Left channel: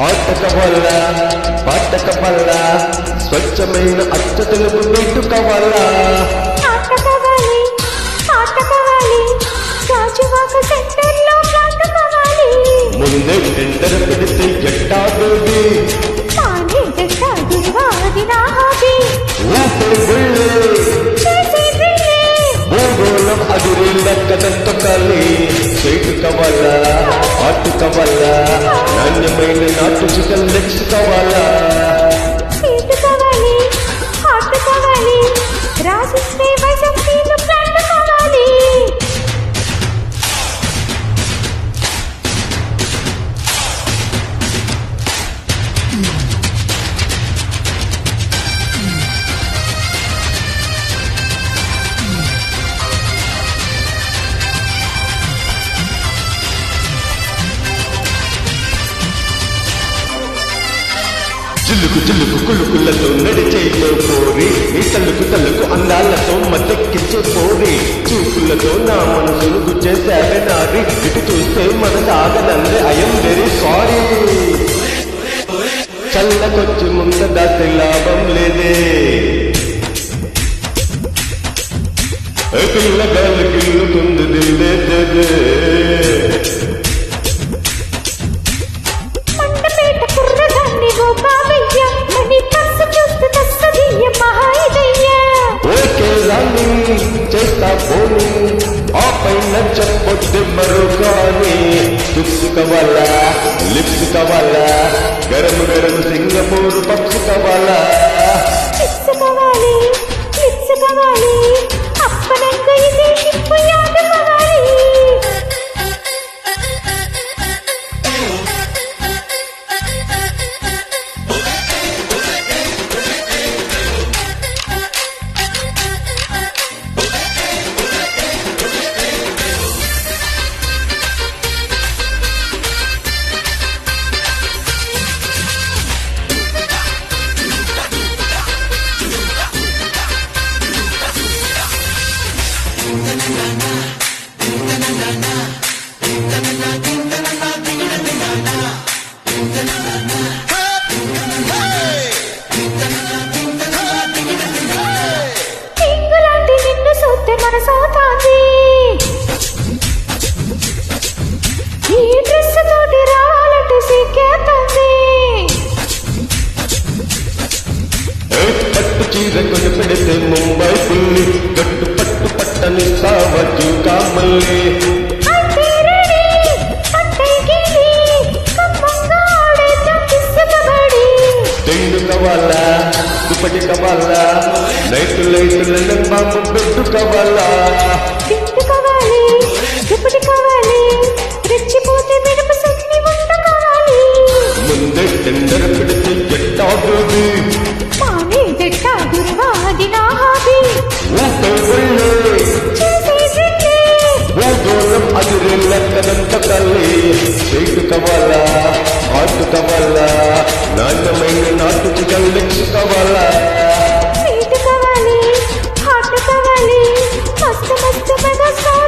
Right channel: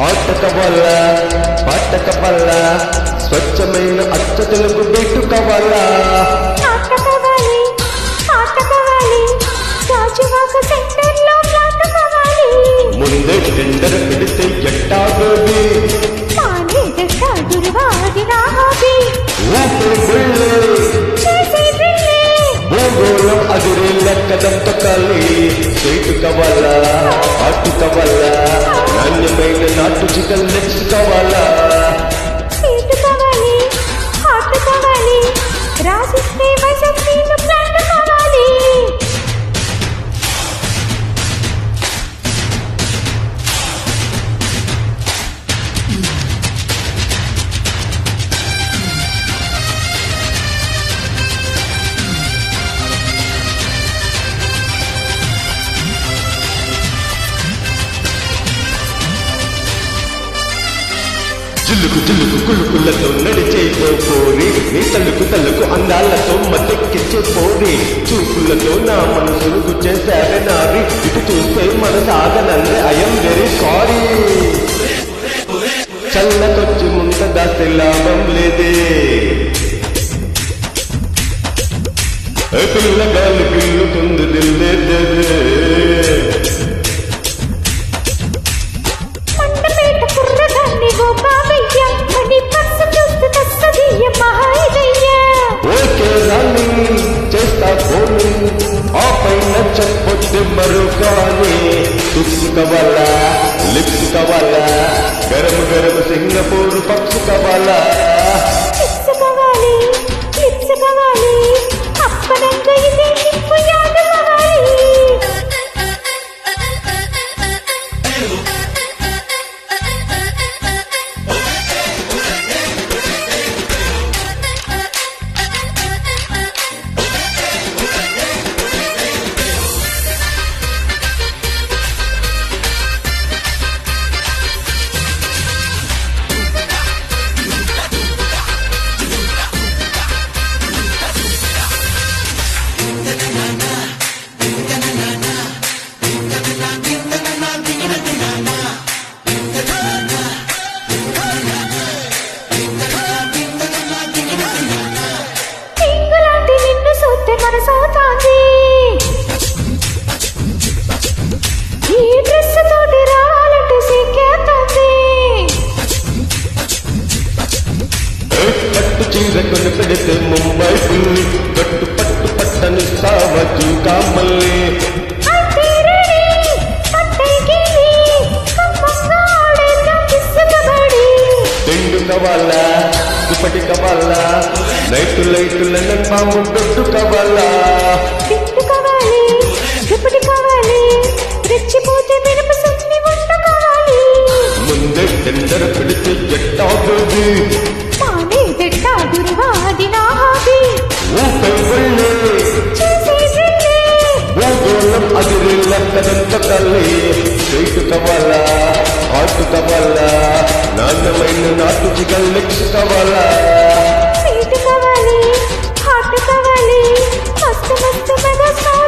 ఆట కావాలా పాట కావాలా స్వచ్ఛమైన అచ్చ తెలుగు బీటు కావాలా ఆట కావాలి పాట కావాలి గాజువాక సెంటర్ లో ఫ్లాట్ కావాలి ముందే టెండర్ పెడితే ఎట్టా బేబీ మానే దట్ట గురువాది నా హాబీ ఊపే వెళ్ళే చేసే డ్రిల్లే భూగోళం అదిరేళ్ళ కదం తొక్కాలి స్వీట్ కావాలా ఆటు కావాలా నాణ్యమైన నాటు చికెన్ లెగ్స్ కావాలా సీటు కావాలి హాట్ కావాలి రాసిస్తే వైసంపీలు ప్లాంట్ కావాలి జిల్లుకు జిల్లుకు కుళ్ళుకుళ్ళతో నడిచే పోరి నీ తల్లుకు తల్లుకు అందాలతో మద్దెక్కించే పోరి చూపులతో నా మనసును గుచ్చేసావే నారి ఇటు చూస్తే మనసాగనందే ఐఎమ్ వెరీ సారీ చల్లకొచ్చి ముంద దాస్తే లాభం లేదే పిల్లగాలు గిల్లుతుంది దిల్లేదే మండపేట కుర్రదాన్ని ఓ బాబయ్య మణి పర్సు చూస్తే తస్సదీయ మహాయిదయ్య ఓకే రాని చేస్తా పోని ఆ పైన చెప్పొద్దు మరో కానీ టిప్స్ కావాలా లిప్స్ కావాలా గరం గరం సింగపూర్ పప్స్ కావాలా చిప్స్ కావాలి క్లిప్స్ కావాలి అప్పనంగా ఇదే షిప్పు యాద కావాలి ఇంగులాంటి నిన్ను చూస్తే మనసవుతాంది ఈ డ్రెస్ తోటి రావాలంటే సిక్కేస్తుంది పట్టు చీర కొని పెడితే ముంబై పుల్లి గట్టు పట్టు పట్టనిస్తావా జూకా మళ్ళీ అయితే రెడీ పట్టై గిల్లి కమ్మంగా ఆడేద్దాం కిస్సు కబడ్డీ తెండు కావాలా దుప్పటి కావాలా night light London bomb bed కావాలా దిండు కావాలి దుప్పటి కావాలి రెచ్చిపోతే మినప సున్ని వంట కావాలి ముందే టెండర్ పెడితే ఎట్టా బేబీ మానే దట్ట గురువాది నా హాబీ ఊపే వెళ్ళే చేసే డ్రిల్లే భూగోళం అదిరేళ్ళ కదంత కల్లి స్వీట్ కావాలా ఆటు కావాలా నాణ్యమైన నాటు చికెన్ లెగ్స్ కావాలా సీటు కావాలి హాట్ కావాలి మస్తు మస్తు మెగా స్టార్